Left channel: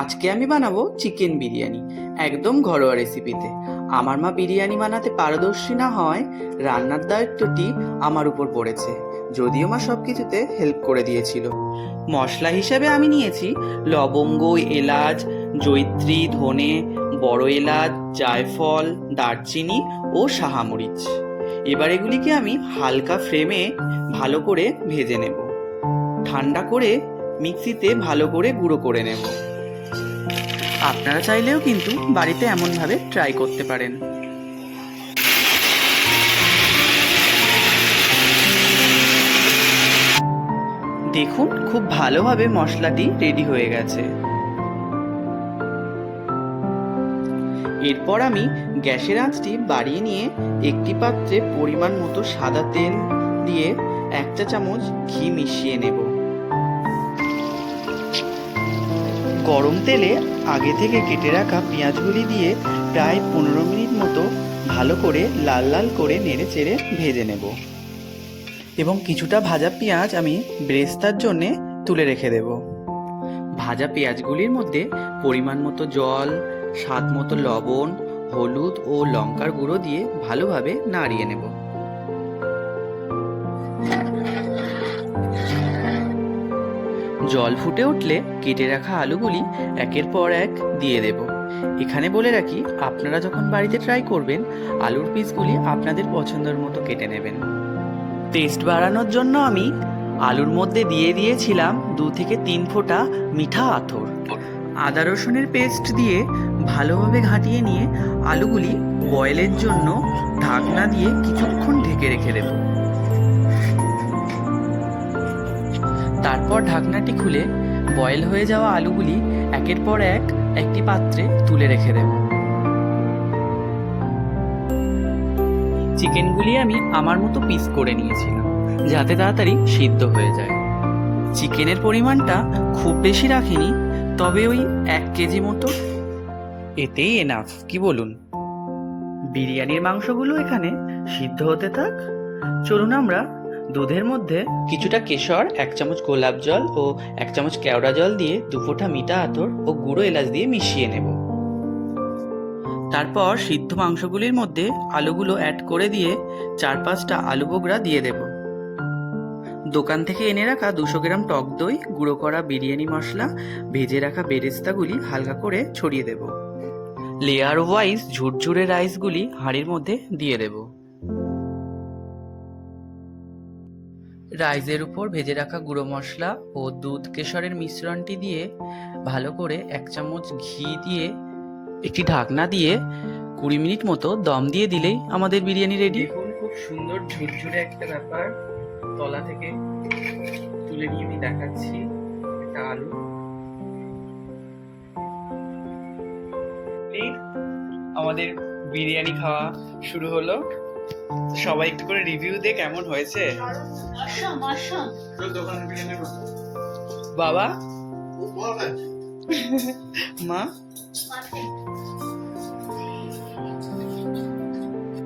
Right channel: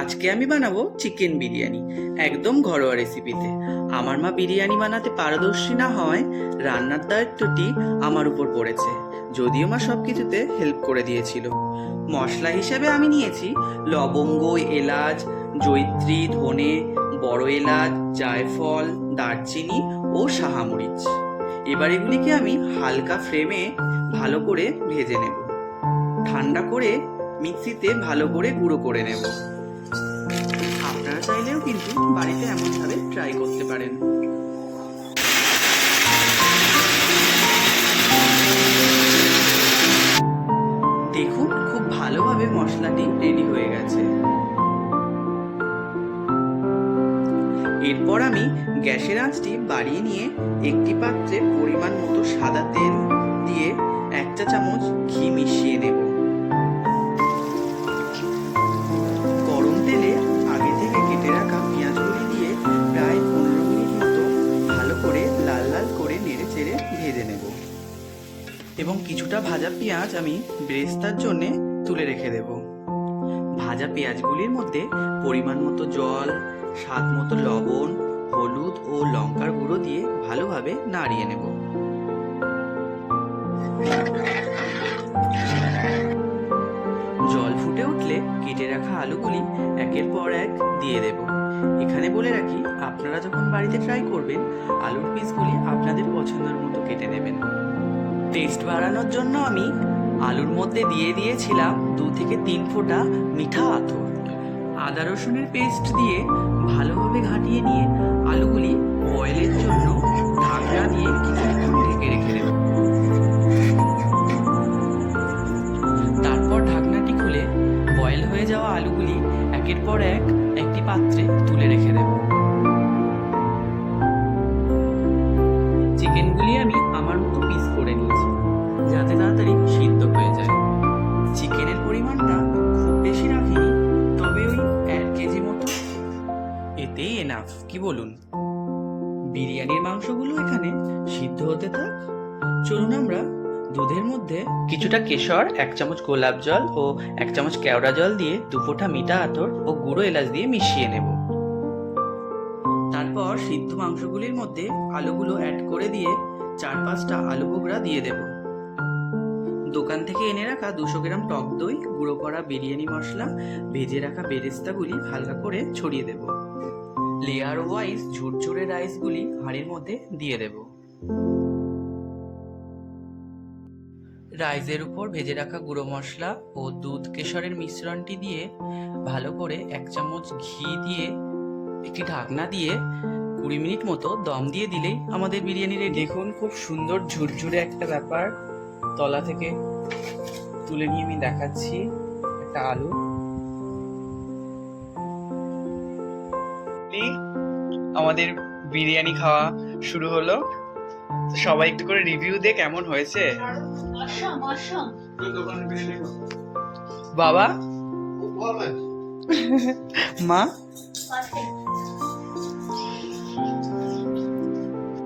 আজকে আমি বানাবো চিকেন বিরিয়ানি, একদম ঘরোয়া রেসিপিতে। আমার মা বিরিয়ানি বানাতে পারদর্শী না হয় রান্নার দায়িত্বটি আমার উপর পড়েছে, যদিও মা সব কিছুতে হেল্প করে দিয়েছিল। মশলা হিসেবে আমি নিয়েছি লবঙ্গ, এলাচ, জয়িত্রী, ধনে, বড় এলাচ, জায়ফল, দারচিনি ও শাহামরিচ। এবার এগুলিকে আমি হালকা ফ্লেমে ভালো করে ভেজে নেব। ঠান্ডা করে মিক্সিতে ভালো করে গুঁড়ো করে নেব। আপনারা চাইলেও কিন্তু বাড়িতে এমনভাবে ট্রাই করতে পারেন। দেখুন, খুব ভালোভাবে মশলাটি রেডি হয়ে গেছে। এরপর আমি গ্যাসের আঁচটি বাড়িয়ে নিয়ে একটি পাত্রে পরিমাণ মতো সাদা তেল দিয়ে 1 চা চামচ ঘি মিশিয়ে নেব। গরম তেলে আগে থেকে কেটে রাখা পেঁয়াজগুলি দিয়ে প্রায় 15 মিনিট মতো ভালো করে লাল লাল করে নেড়ে চেড়ে ভেজে নেব এবং কিছুটা ভাজা পেঁয়াজ আমি বেরেস্তার জন্যে তুলে রেখে দেব। ভাজা পেঁয়াজগুলির মধ্যে পরিমাণ মতো জল, স্বাদ মতো লবণ, হলুদ ও লঙ্কার গুঁড়ো দিয়ে ভালোভাবে নাড়িয়ে নেব। জল ফুটে উঠলে কেটে রাখা আলুগুলি একের পর এক দিয়ে দেব। এখানে বলে রাখি, আপনারা যখন বাড়িতে ট্রাই করবেন আলুর পিসগুলি আপনাদের পছন্দের মতো কেটে নেবেন। টেস্ট বাড়ানোর জন্য আমি আলুর মধ্যে দিয়ে দিয়েছিলাম 2 থেকে 3 ফোঁটা মিঠা আতর। আদা রসুনের পেস্ট দিয়ে ভালোভাবে ঘাঁটিয়ে নিয়ে আলুগুলি বয়েলের জন্য ঢাকনা দিয়ে কিছুক্ষণ ঢেকে রেখে দেব। তারপর ঢাকনাটি খুলে বয়েল হয়ে যাওয়া আলুগুলি একের পর এক একটি পাত্রে তুলে রেখে দেব। চিকেনগুলি আমি আমার মতো পিস করে নিয়েছিলাম যাতে তাড়াতাড়ি সিদ্ধ হয়ে যায়। চিকেনের পরিমাণটা খুব বেশি রাখিনি, তবে ওই 1 কেজি মতো, এতেই এনাফ, কি বলুন? বিরিয়ানির মাংসগুলো এখানে সিদ্ধ হতে থাক। চলুন আমরা দুধের মধ্যে কিছুটা কেশর, 1 চামচ গোলাপ জল ও 1 চামচ কেওড়া জল দিয়ে 2 ফোঁটা মিঠা আতর ও গুঁড়ো এলাচ দিয়ে মিশিয়ে নেব। তারপর সিদ্ধ মাংসগুলির মধ্যে আলুগুলো অ্যাড করে দিয়ে 4-5টা আলু বোখরা দিয়ে দেব। দোকান থেকে এনে রাখা 200 গ্রাম টক দই, গুঁড়ো করা বিরিয়ানি মশলা, ভেজে রাখা বেরেস্তাগুলি হালকা করে ছড়িয়ে দেব। লেয়ার ওয়াইজ ঝুরঝুরে রাইসগুলি হাঁড়ির মধ্যে দিয়ে দেব। রাইসের উপর ভেজে রাখা গুঁড়ো মশলা ও দুধ কেশরের মিশ্রণটি দিয়ে ভালো করে 1 চামচ ঘি দিয়ে একটি ঢাকনা দিয়ে 20 মিনিট মতো দম দিয়ে দিলেই আমাদের বিরিয়ানি রেডি। দেখুন, খুব সুন্দর ঝুরঝুরে একটা ব্যাপার। তলা থেকে তুলে নিয়ে আমি দেখাচ্ছি একটা আলু। আমাদের বিরিয়ানি খাওয়া শুরু হলো। সবাই একটু করে রিভিউ দে কেমন হয়েছে। বাবা, মা,